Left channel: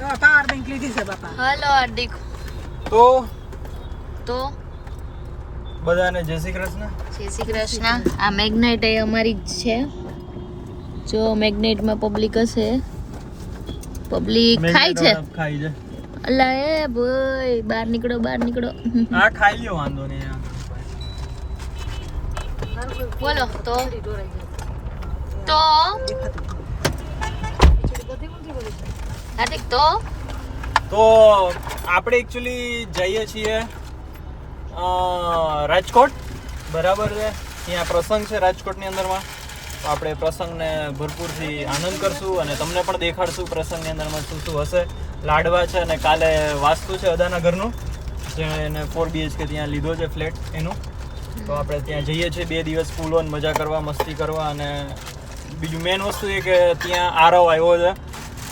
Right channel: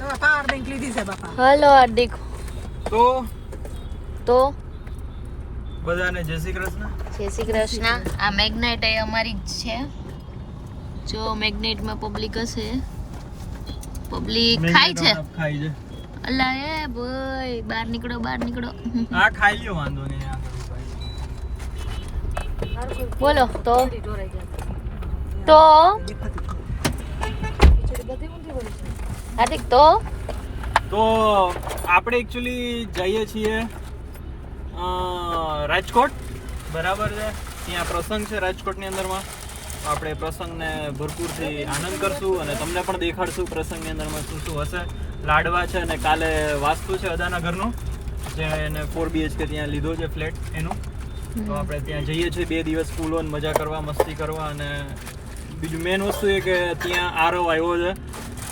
Power bank લીધી છે બાપા. હલો હાર્દિક. તો બધાને જય શ્રી કૃષ્ણ. જય શ્રી કૃષ્ણ. આ મેગ્નેટ એ અમારી જ છે. જો મેગ્નેટમાં પબ્લિક હશે. પબ્લિક ખાય છે. અલ્લા એ ભાઈ બહાર નીકળો. આ ખાઈ લ્યો, વાંધો નહીં. બોલો તો હાર્દિક તો આપણે એકચ્યુઅલી જઈએ છીએ રાજકોટ, બરાબર છે. ત્યાં પ્રસંગ છે રાજકોટની અંદરમાં. તો આપણે પ્રસંગને ભરપૂરથી આનંદ કરશું અને તમને પણ દેખાડશું પ્રસંગની અંદરમાં શું શું હશે. લાડવા છે અને કાલે વાસ્તુ છે અદાના ઘરનું, જેણે 4 BHK ત્યાં લીધો છે ફ્લેટ એનું. તો આપણે ત્યાં જઈએ છીએ 2 દિવસ ફૂલ ઓન મજા કરવા, મસ્તી કરવા. અને બીજું મેઇન વસ્તુ એ કે ત્યાં આરવ આવ્યો છે,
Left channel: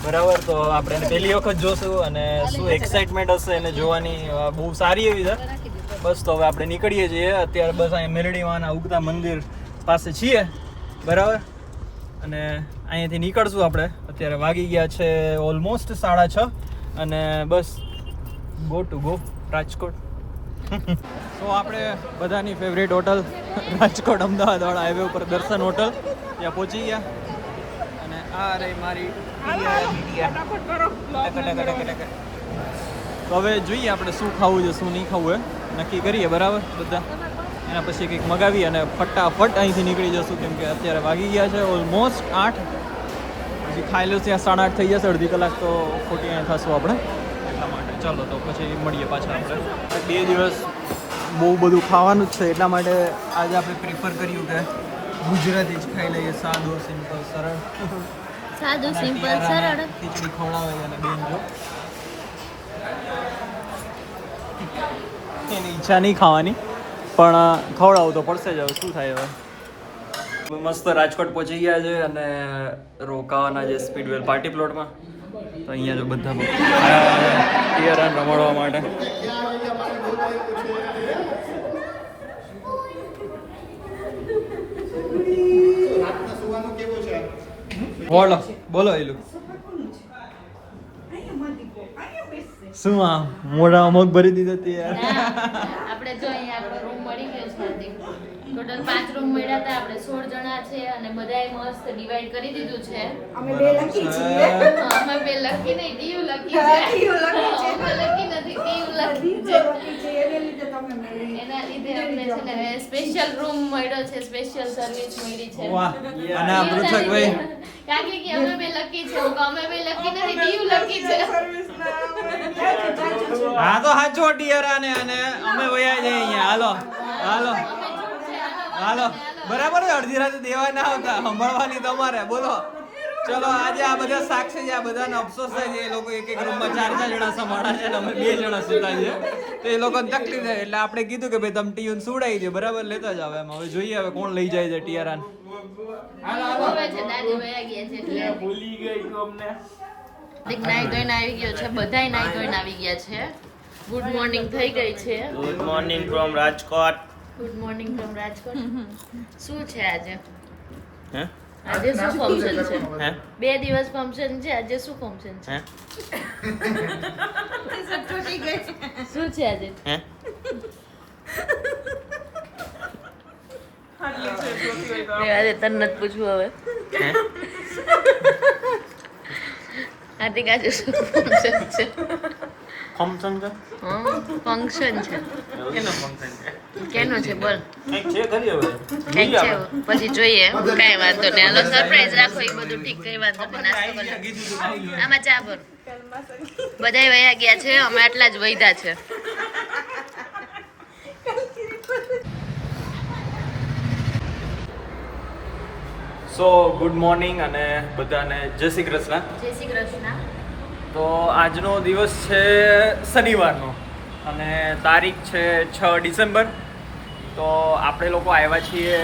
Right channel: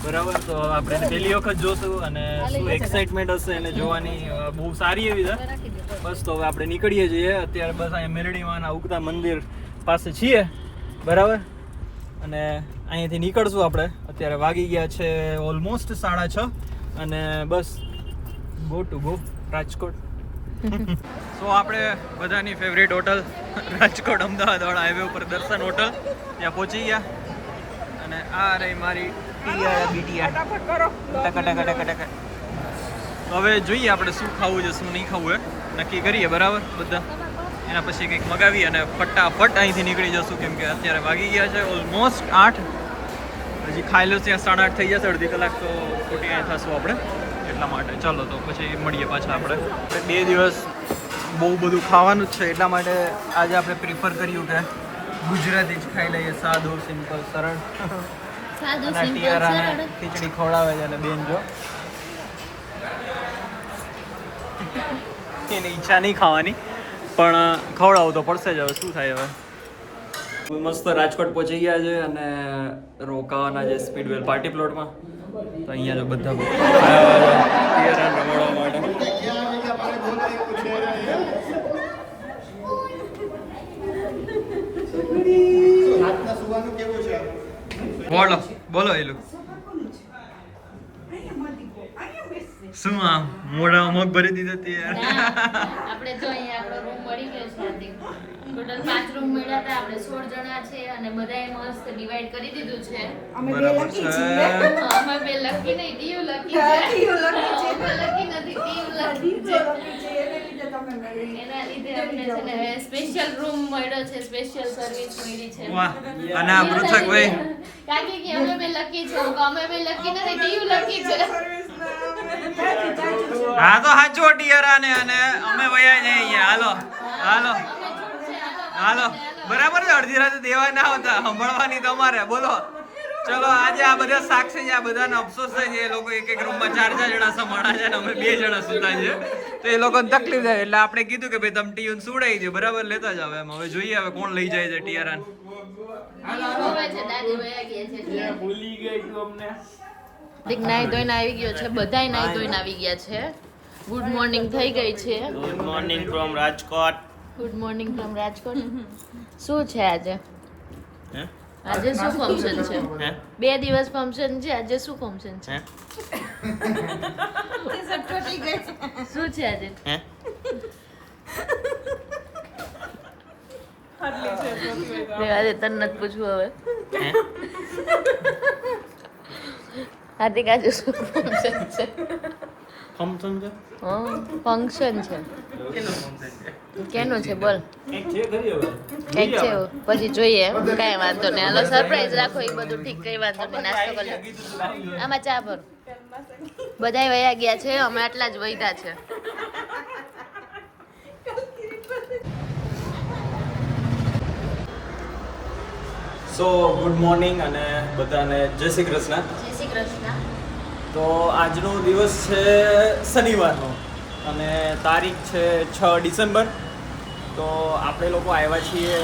બરાબર. તો આપણે એને પહેલી વખત જોશું અને શું એક્સાઇટમેન્ટ હશે એને જોવાની, બહુ સારી એવી છે. બસ તો હવે આપણે નીકળીએ છીએ અત્યારે. બસ અહીંયા મેલડીમાંના ઉગતા મંદિર પાસે છીએ, બરાબર. અને અહીંયાથી નીકળશું આપણે. અત્યારે વાગી ગયા છે ઓલમોસ્ટ 6:30 અને બસ ગો ટુ ગો રાજકોટ. તો આપણે બધાની ફેવરેટ હોટલ રાજકોટ અમદાવાદ વાળા હાઈવે ઉપર દર્શન હોટલ, ત્યાં પહોંચી ગયા. અને આ રહી મારી ટક. તો હવે જોઈએ આપણે શું ખાવું છે શું નહીં ખાવું એ નક્કી કરીએ, બરાબર. બધા એના પછી કંઈક મગાવી અને ફટાફટ અહીંથી નીકળી જશું, કેમ કે અત્યારે વાગી ગયા છે ઓલમોસ્ટ 8. હજી ખાઈ લો ત્યાં 8:30 થઈ જશે. અડધી કલાક તો ખોટી અહીં થશું આપણે, એટલા માટે. ચાલો તો પછી મળીએ પાછા આપણે. 2 દિવસ બહુ બધું ખાવાનું જ છે, એટલા માટે આજે આપણે પ્રિફર કર્યું કે ગુજરાતી જ ખાઈ લઈએ. સાદો સિમ્પલ સરળ. ખીચડી ખવડાવે છે અને બેન જો એની ઈચ્છા નહીં ખાવાની, પણ ખવડાવવું તો પડશે જ. હવે શું થાય. હવે મસ્ત રાજકોટ પહોંચી ગયા છે અને રોકાવાના છે સ્પીડવેલ પાર્ટી પ્લોટમાં. તો અહીંયા જો બધા ટીયરા રમાડવા માટે. બોલો એ લોકો શું આમ મોઢા અમુક ભરી દીધો યાર. આપણે જો અહીંયા આપણો રૂમ મળી ગયો છે હાર્દિક. ટોટલ 5 રૂમ મળ્યા હતા. આપણે 16 જણા છે અને બધાએ મસ્ત ડિવાઈડ કરી દીધું છે. અમે 2 લકી છીએ. અમે 2 લકી નહીં, ડીયુ લકી છે. અમે લકી નથી, ડીયુ લકી છે. એના લીધે અમને છે ને સ્પેશિયલ રૂમ મળ્યો છે, સ્પેશિયલ સર્વિસ મળી છે. વાહ. અને આ પૃથકભાઈ કાકી કે અમે 2 લકી છે. અમે 2 લકી નથી, ડીયુ લકી છે. હા તો હાચો ટીયરા ને. અને અમે વયા જઈએ અહીંયા. હાલો બરાબર છે. અડધી રાતે દેવા ના આવતા, સંભાળવાની તમારે. બોલો ચલો. આજે આ બધા સાક્ષી છે, આ બધાને અફસોસ થાય છે. એ લોકો એક રૂમમાં 4 જણા સંભાળા છે અને અમે 2 જણા સુતા છે, તો એ લોકોને તકલીફ થાય. એટલે આપણે કીધું કે ભાઈ તમે ટીયુન સુડાઈ છે, બરાબર, લેતા જ આવે એમ. હવે જોઈએ હવે કોણ લઈ જાય છે ટીયરાન. ભૂલી ગઈ તું અમને. નાઈ ધોઈને આવી ગયો છે. બધાય નાઈ ધોઈને આવી ગયા છે. ગુડ મોર્નિંગ થઈ ગઈ છે. Good morning from Rajkot. Good morning from Rajkot. શું છે આજે? હે આજે શું ફંક્શન છે? હે 2 દિવસ ફંક્શન છે. આજે શું ફંક્શન છે? શું છે આજે? હે આજે તને નથી પૂછવું હવે. હે હાર્દિક આજે શું ફંક્શન છે? ફંક્શન છે. હા ફંક્શન છે. કેનો ફંક્શન છે? કેનું છે બોલ. કંઈક છે ખરી હવે. કંઈક છે પછી જોઈએ. કઈ વાંધો નહીં. હાલો સરપ્રાઈઝ રાખો. એ બધું ઠીક. કઈ વાંધો નહીં. નાસ્તો કરી લો. આમાં ચા ભર. બધાય વયા ગયા છે. અમે આટલા જ વૈધા છે. સો ગુડ મોર્નિંગ અને બધાને જય શ્રી કૃષ્ણ. જય શ્રી કૃષ્ણ. તો આજનો દિવસ છે શનિવારનો અને તારીખ છે 6 ડિસેમ્બર. તો આપણે લોકો આવ્યા છીએ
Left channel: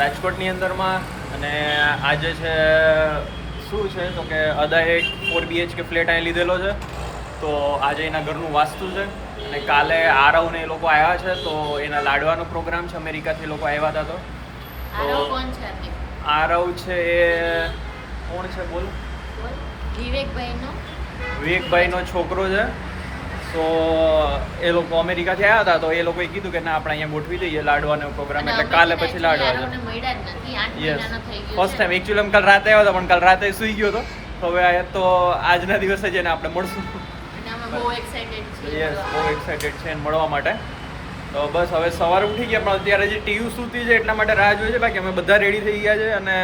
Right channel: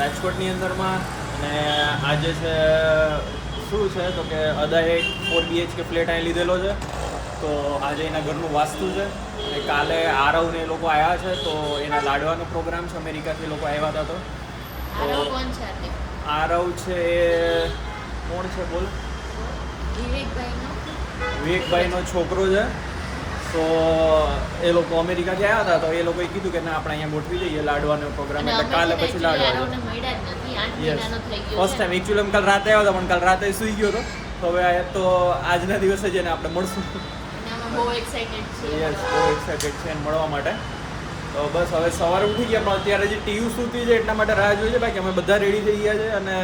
રાજકોટની અંદરમાં અને આજે છે શું છે તો કે અદાએ 4 BHK ફ્લેટ અહીં લીધેલો છે. તો આજે એના ઘરનું વાસ્તુ છે અને કાલે આરવ ને એ લોકો આવ્યા છે. તો એના લાડવાનો પ્રોગ્રામ છે. અમેરિકાથી લોકો આવ્યા હતા. તો કોણ છે? આરવ છે એ કોણ છે બોલો? વિવેકભાઈ નો વિવેકભાઈનો છોકરો છે. તો એ લોકો અમેરિકાથી આવ્યા હતા, તો એ લોકોએ કીધું કે ના આપણે અહીંયા ગોઠવી દઈએ લાડવાનો પ્રોગ્રામ, એટલે કાલે પછી લાડવા છે. યસ, ફર્સ્ટ ટાઈમ એકચ્યુઅલી કાલ રાતે આવ્યા હતા, પણ કાલ રાતે સૂઈ ગયો હતો. તો હવે આ તો આજના દિવસે જઈને આપણે મળશું. યસ, બહુ એક્સાઇટેડ છે મળવા માટે. તો બસ હવે સવારે ઉઠી ગયા, પણ અત્યારે જે ટીયુ સૂતી છે એટલા માટે રાહ જોઈએ. બાકી અમે બધા રેડી થઈ ગયા છે, અને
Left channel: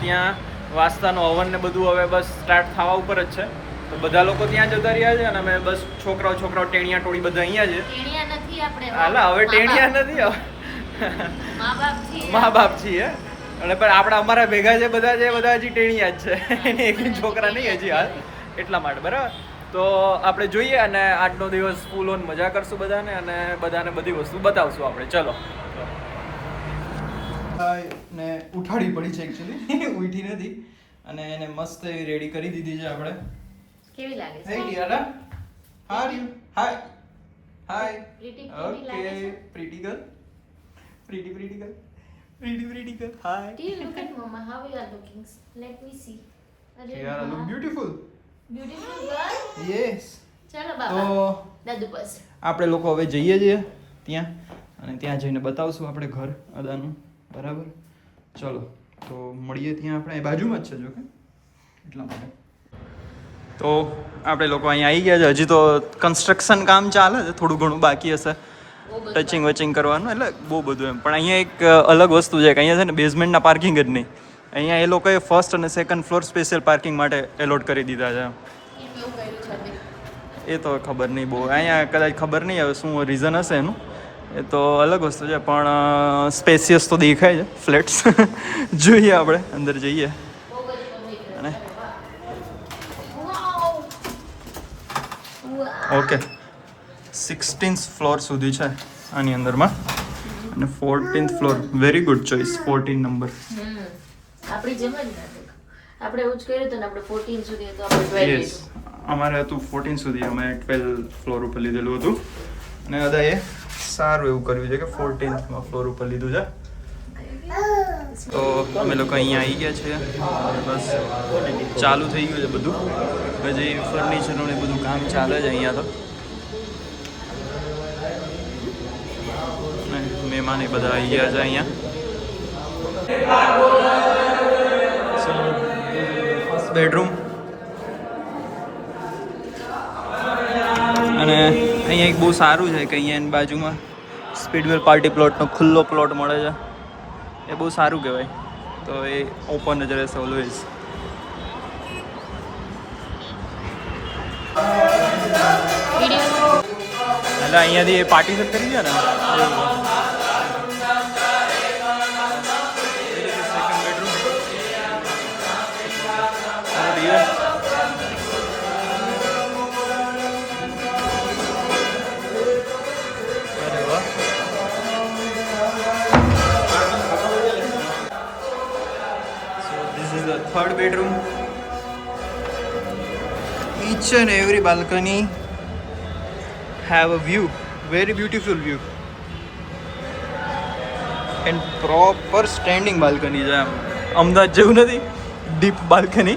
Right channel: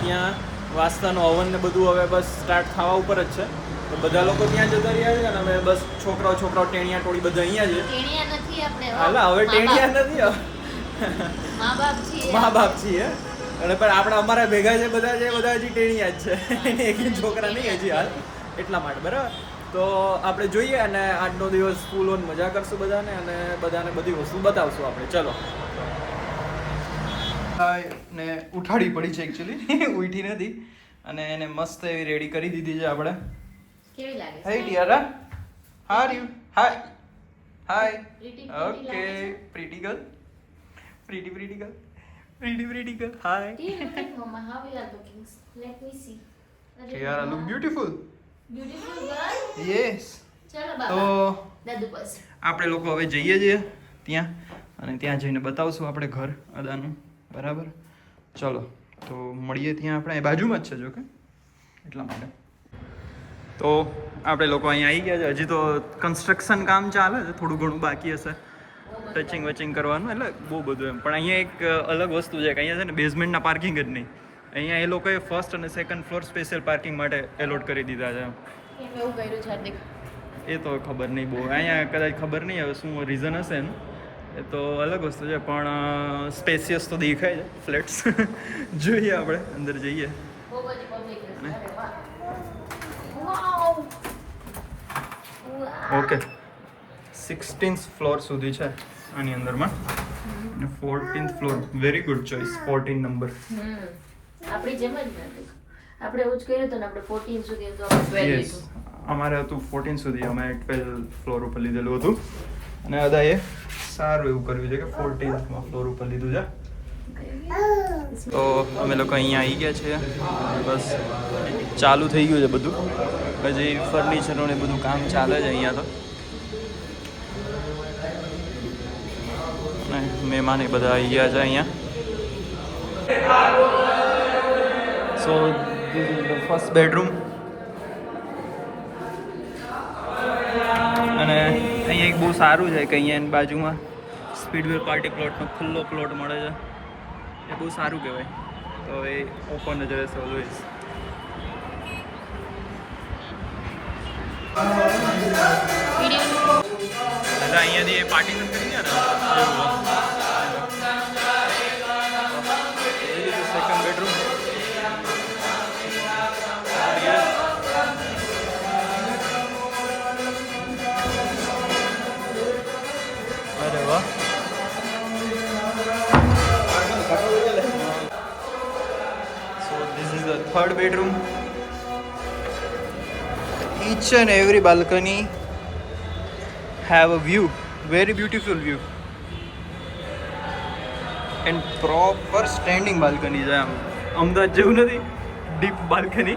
ત્યાં વાસ્તાનો હવન ને બધું હવે બસ સ્ટાર્ટ થવા ઉપર જ છે. તો બધા લોકો ત્યાં જતા રહ્યા છે, અને અમે બસ છોકરાઓ ટેણિયા ટોળી બધા અહીંયા છે. હાલા હવે ટેણિયા નથી, મા બાપ છીએ. અને પણ આપણે અમારા ભેગા છે બધા હજી ટેણિયા જ છે, એક છોકરા નહીં હજી હાલ, એટલા માટે. બરાબર, તો આપણે જોઈએ અને આજનો દિવસ ફૂલ ઓન મજા કરશું બધાને, અને બધાને બધી વસ્તુ બતાવશું આપણે. ચલો. ને ઉઠાડી પડી છે એકચ્યુઅલી, ઉઠી નથી, અને એને મસ્ત એવી રેડી કરી દીધી છે આપણે. કેવી લાગે છે? હાય ડિયરા, how are you? Hi hi. Okay, pretty girl, pretty girl. Hi. Do you look at Mama? How you are looking? Let me see. You are look beautiful. Beautiful girl. Yes. ચલો તો બાબા, દાદુ પાસે. આપણે લોકો હવે જઈએ છીએ ત્યાં, અને ત્યાં જઈને બતાવશું આપણે ઘર અદાનું. બરાબર, ચલો તો મળીએ ત્યાં. આપણે એ બાજુમાં જ છે જો કે, એટલા માટે. તો આપણે લોકો અહીંયા આવી ગયા છે. હજી તો કન્સ્ટ્રક્શન કામ ચાલે છે, થોડું ઘણું બાકી હશે ટચિંગ વચિંગ કરવાનું, એટલે બહુ બધું એમ. પણ અહીંયા એક અલગ વસ્તુ છે કે અહીંયા છે ને બેઝમેન્ટના પાર્કિંગ જ નહીં, અહીંયા એ લોકોએ ફર્સ્ટ અને સેકન્ડ ફ્લોર સ્પેશિયલ પાર્કિંગ માટે એલોટ કરી દીધા છે. એ તો ખબર નહીં બહુ, અહીંયા કદાચ ખબર નહીં હવે શું રીઝન હશે એનું, એ તો અલગ વસ્તુ છે. પણ સ્પેસિયસ તો દેખાય છે ફ્લેટ્સ. જોઈએ આપણે અંદર જઈએ. અને ઓકે, 16th ફ્લોર સુધી છે આની અંદરમાં, અને 14th floor. Very good choice, 14 number. આપણે જવા જ નથી, આપણે એવું જ કર્યું હતું ને, આપણે 14 સુધી હતું, આપણે 12. યસ, અમારે હતું 14 સુધી, અમે 12 ફ્લોર ઉપર લીધેલું હતું, અને અદાએ સારું એવું કર્યું છે કે 14th ફ્લોર ઉપર લીધું છે. તો અમે લોકો અહીંયા આવી ગયા છીએ, અને બસ ચાલુ થઈ ગયું છે બધું. હજી ફર્નિચરનું ને બધું કામ ચાલે છે અહીંયા તો. અને મહેમાન એ બધા આવી ગયા છે અહીંયા. સો ફર્સ્ટ બેડરૂમ, અને અહીંયા એક બહુ સારું છે કે અહીંયા એની બાજુમાં સ્પીડવેલ પાર્ટી પ્લોટનો ખુલ્લો પ્લોટ મળે છે. એ બહુ સારું કહેવાય. તો એ ઓપન જ રહેશે ઓલવેઝ. એટલે અહીંયાથી એ પાર્ટી કરી ગયા ને એવું. Second bedroom. અરે વાહ. So this is the third bedroom. Each and every balcony have a view, very beautiful view, and proper standing balcony છે. આમ અમદાવાદ જેવું નથી ડીપ બાલ્કની,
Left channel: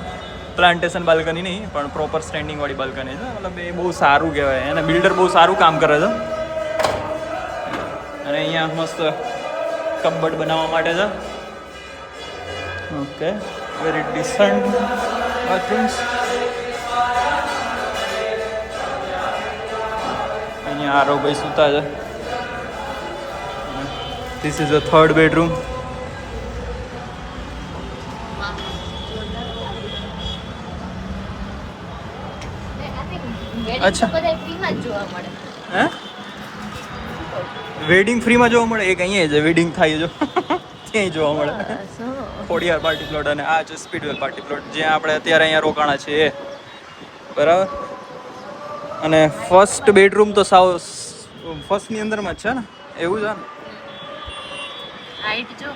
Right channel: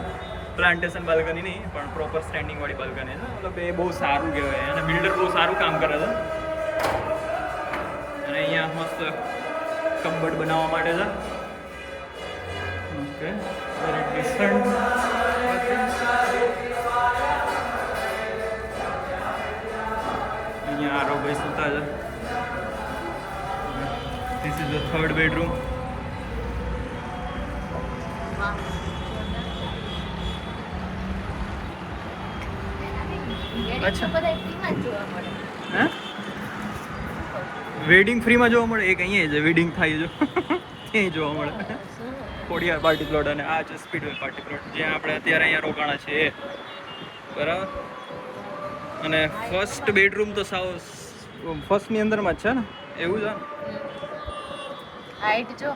પ્લાન્ટેશન બાલ્કની નહીં, પણ પ્રોપર સ્ટેન્ડિંગ વાળી બાલ્કની છે. મતલબ એ બહુ સારું કહેવાય, અને બિલ્ડર બહુ સારું કામ કરે છે. અને અહીંયા મસ્ત કબડ બનાવવા માટે છે. Okay, very decent bathrooms. અહીંયા આરોભાઈ સૂતા છે. This is a third bedroom. અચ્છા, હે વેડિંગ ફ્રીમાં જોવા મળે? એક અહીંયા છે વેડિંગ થાય જો ત્યાંય જોવા મળે. ખોડિયાર પાર્ટી પ્લોટ, અને આ છે સ્પીડવેલ પાર્ટી પ્લોટ, જ્યાં આપણે અત્યારે અહીંયા રોકાણા છીએ. બરાબર. અને ફર્સ્ટ બેડરૂમ તો સાવ ફર્સ્ટની અંદરમાં જ છે ને, એવું છે ને? હાઈટ જો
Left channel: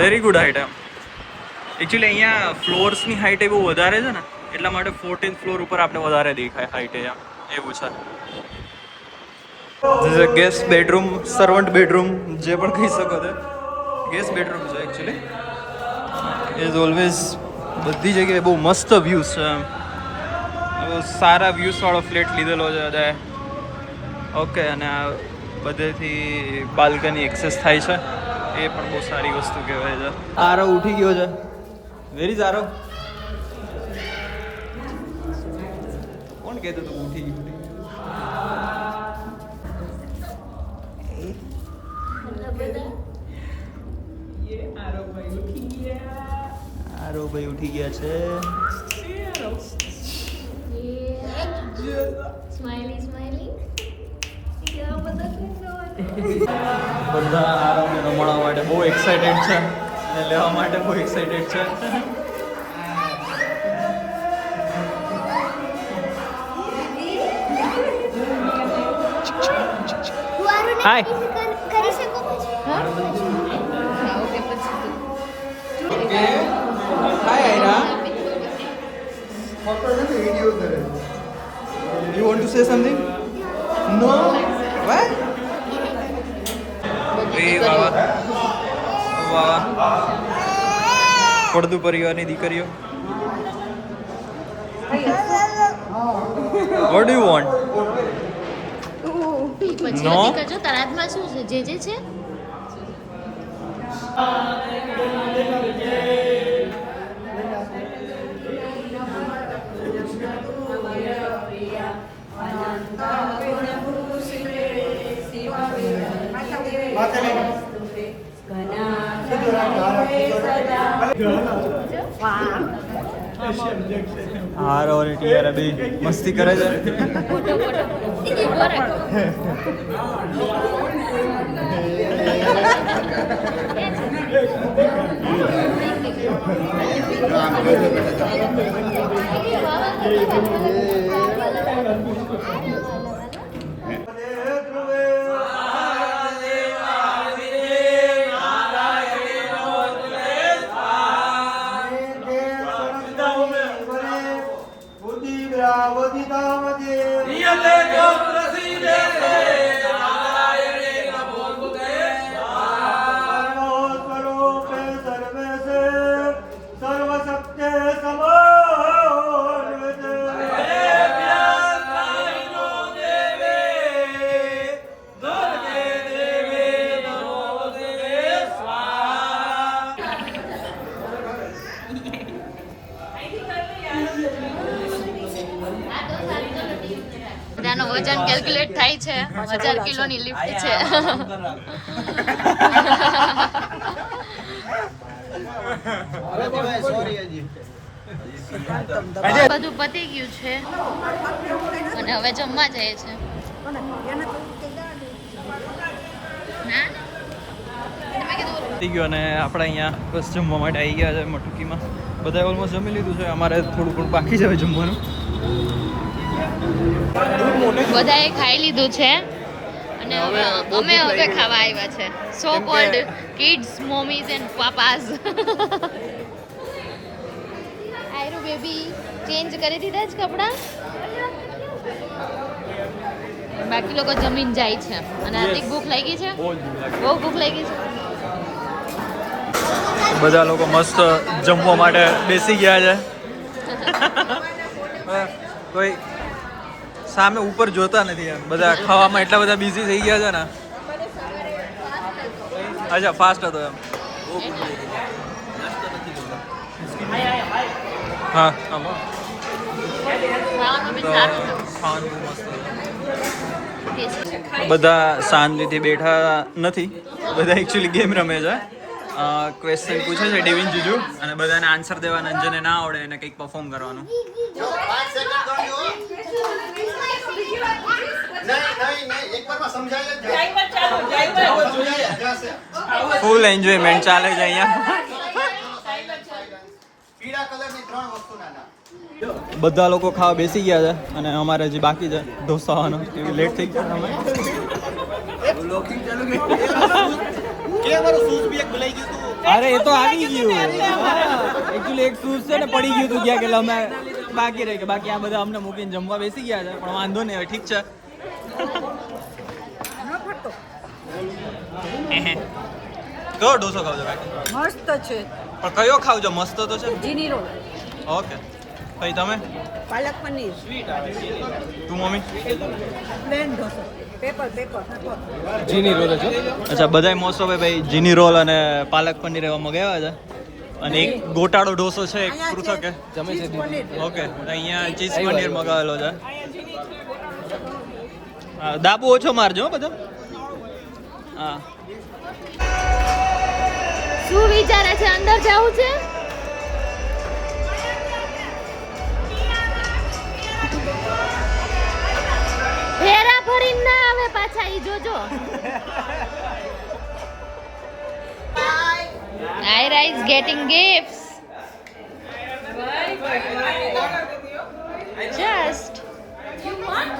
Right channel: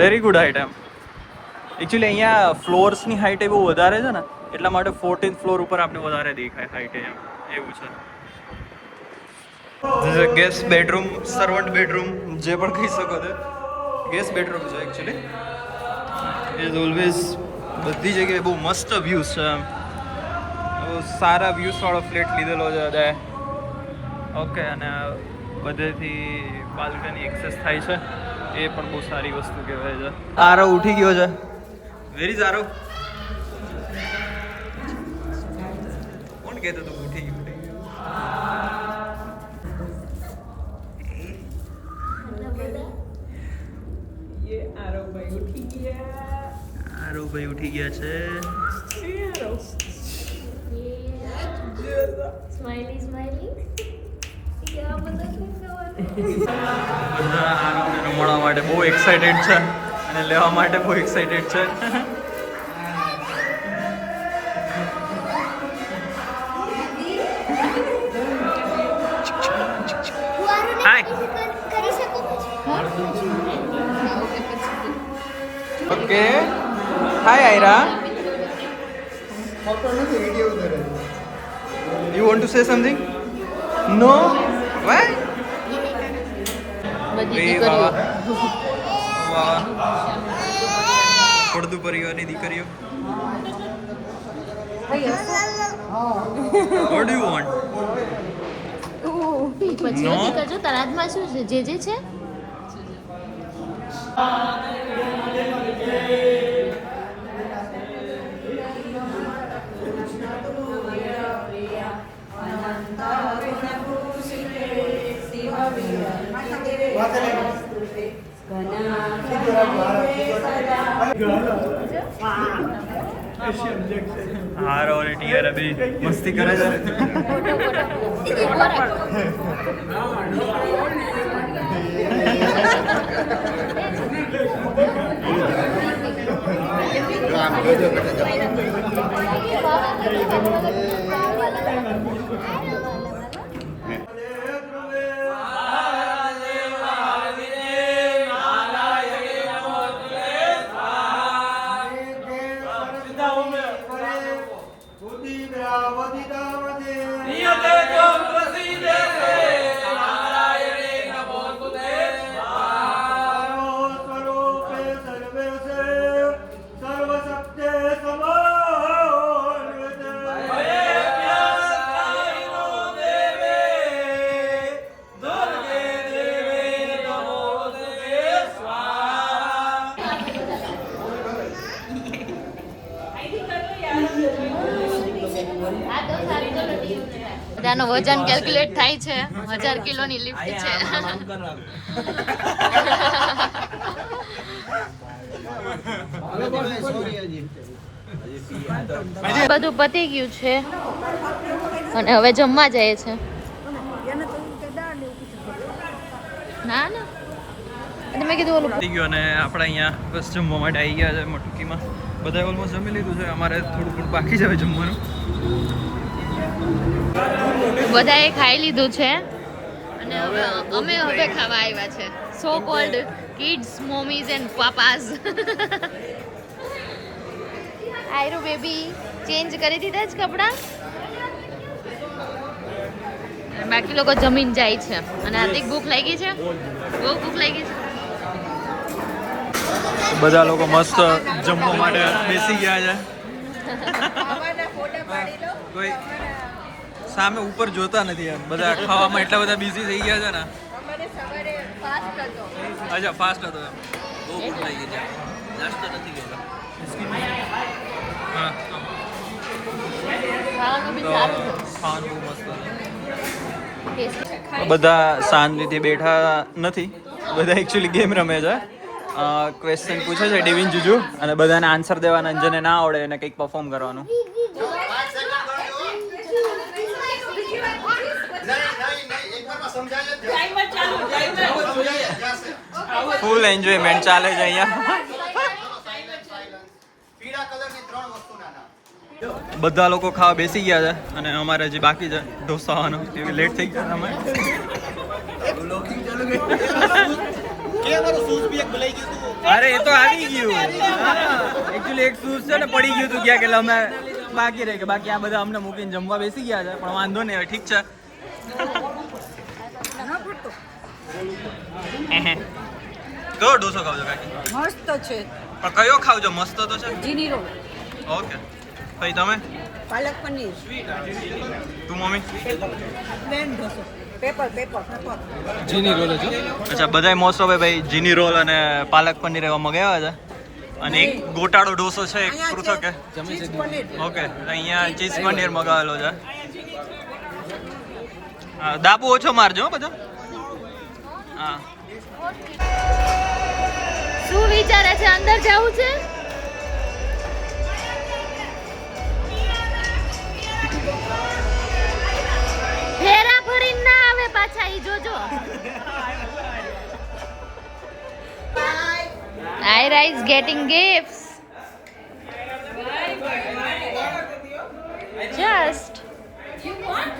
વેરી ગુડ હાઈટ. એમ એકચ્યુઅલી અહીંયા ફ્લોર્સની હાઈટ એ બહુ વધારે છે ને, એટલા માટે 14th ફ્લોર ઉપર આપણે વધારે દેખાય હાઈટ. એમ એવું છે. This is a guest bedroom, servant bedroom, જે પણ કહી શકો તે. ગેસ્ટ બેડરૂમ છે એકચ્યુઅલી. ઇઝ ઓલવેઝ બધી જગ્યાએ બહુ મસ્ત વ્યૂઝ છે. હવે સારા વ્યૂઝ વાળો ફ્લેટ લીધેલો છે બધાએ. ઓકે, અને આ બધેથી બાલ્કની એક્સેસ થાય છે, એ પણ બહુ સારી વસ્તુ કહેવાય છે. આરો ઉઠી ગયો છે. વેરી સારો. કોણ કહેતું તું ઉઠી ગયું? આરો ભાઈ ઉઠી ગયા છે. Smiley smiley. બધા આરોને રમાડવા માટે બહુ એક્સાઇટેડ છે અને લેવા માટે બહુ એક્સાઇટેડ છે. Hi. Okay, hi Aayra. You want to say something? No? Why? એ વાવા વાવા પડદું પરિવારની દીકરીઓ. What do you want? No? જો તરાજમાં શું છે? જે છે હાર ઓર ટીઆર અભી મસ્તી કરે છે. બધાનું વજન કેલ્ક્યુલેટ થાય છે. 1000 કિલોની લિફ્ટ છે. બધું પતી ગયું છે અને હવે જમવા જાય છે. ના મેં કીધું પતી ગયું અને આપણે અહીંયા બસ જમવા માટે આવી ગયા છે મટુકીમાં. બધાએ ઓલમોસ્ટ જમી લીધું છે. અમારે થોડું ઘણું બાકી છે હવે જમવાનું. બધાએ ખાઈ લીધું છે અને અમે હવે ખાવા આવ્યા છે. So called kids mommies and papas. આયરો બેબી ચેન્જ કરી દીધા જ કપડાં. બાકી લોકો જમીન જાય છે અને આથી ભૂખ લાગી છે. બહુ ભૂખ લાગી છે. બધા લોકો મસ્ત જમવા માટે બેસી ગયા છે. કોઈ સામે ઉપર જોતા નથી એમ. બધા ખાવામાં એટલા બધા બિઝી થઈ ગયા છે ને. અચ્છા, ફાસ્ટ હતો એમ. બહુ ભૂખ લાગી છે. નાસ્તો નથી કર્યો. હા, તો ખાવાનું બહુ મસ્ત હતું. બધા શાંતિથી બેઠા નથી. બધા એકચ્યુઅલી ગેમ રમે છે. ક્વેશ્ચન પૂછે છે ડિવિન જુજુ અને બધાને આન્સર દેવાના. જેને ના આવડે એને કંઈક પરફોર્મ કરવાનું. ફૂલ એન્જોયમેન્ટ ચાલે છે અહીંયા. બધા લોકો ખાવા બેસી ગયા છે અને અમારે હજી બાકી છે ઢોસાવાનો. લેટ થઈ ગયા અમે. અરે એ તો આવી ગયું. એકચ્યુઅલી એક શૂઝ છે ને પડી ગયું હતું ક્યાં કે અમે બાકી રહી ગયા. બાકી આ બધા અમને મૂકીને જમવા બેસી ગયા છે. પણ વાંધો નહીં, હવે ઠીક છે. કયો ઢોસો ખાવ છો કાકી? મસ્ત છે. પણ કયો ખાવજો? મસ્ત તો છે. જીની રોલ. ઓકે, ભાઈ તમે પાલક પનીર તું મમ્મી પ્લેન ઢોસો પેપર અચ્છા બધાય મોસ્ટ ઓફ ભાઈ જીની રોલ અને પાલક પનીર એવા મગાવ્યા છે અને એક ગોટાળો ઢોસો છે એક પૃથક ઓકે અહીંયા ચીઝ પનીર મગાવેલો છે હા દાબુ ઓછો મારજો હો બધા હા શું વિચારે છે અંદર જવું છે ફેરા ફરીને ના આવે પાછા ઈ જોજો Ira is getting gifts. Just. You want?